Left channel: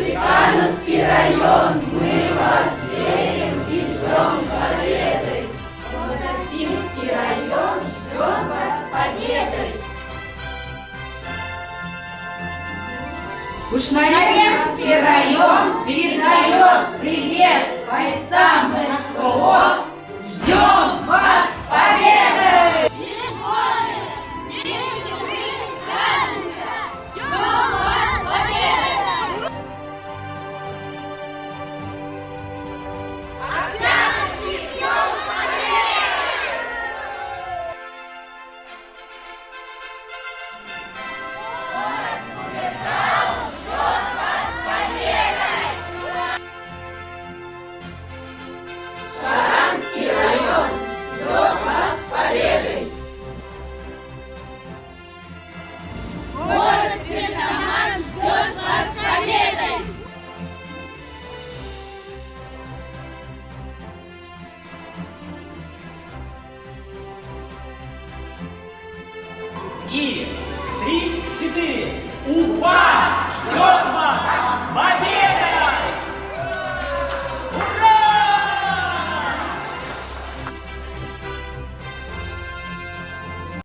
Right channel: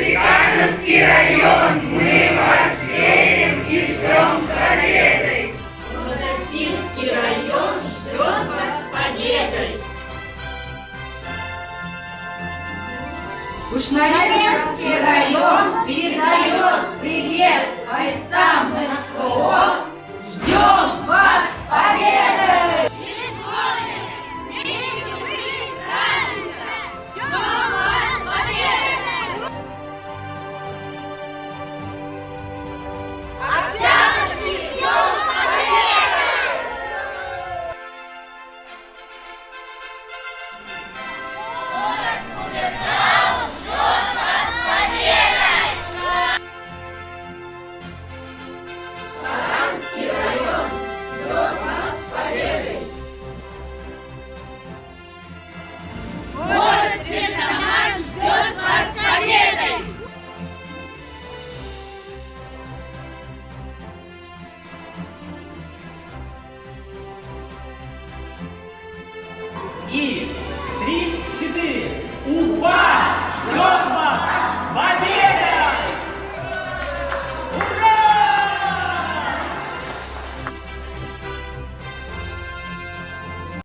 Прикамьский район, мы вас верим и ждем с победой. Новодосинский район ждет вас с победой. Кушнаревский район передает привет бойцам СВО. Ждем вас с победой! Город Стерлитамак ждет вас с победой. И 3, 4. Уфа ждет вас с победой!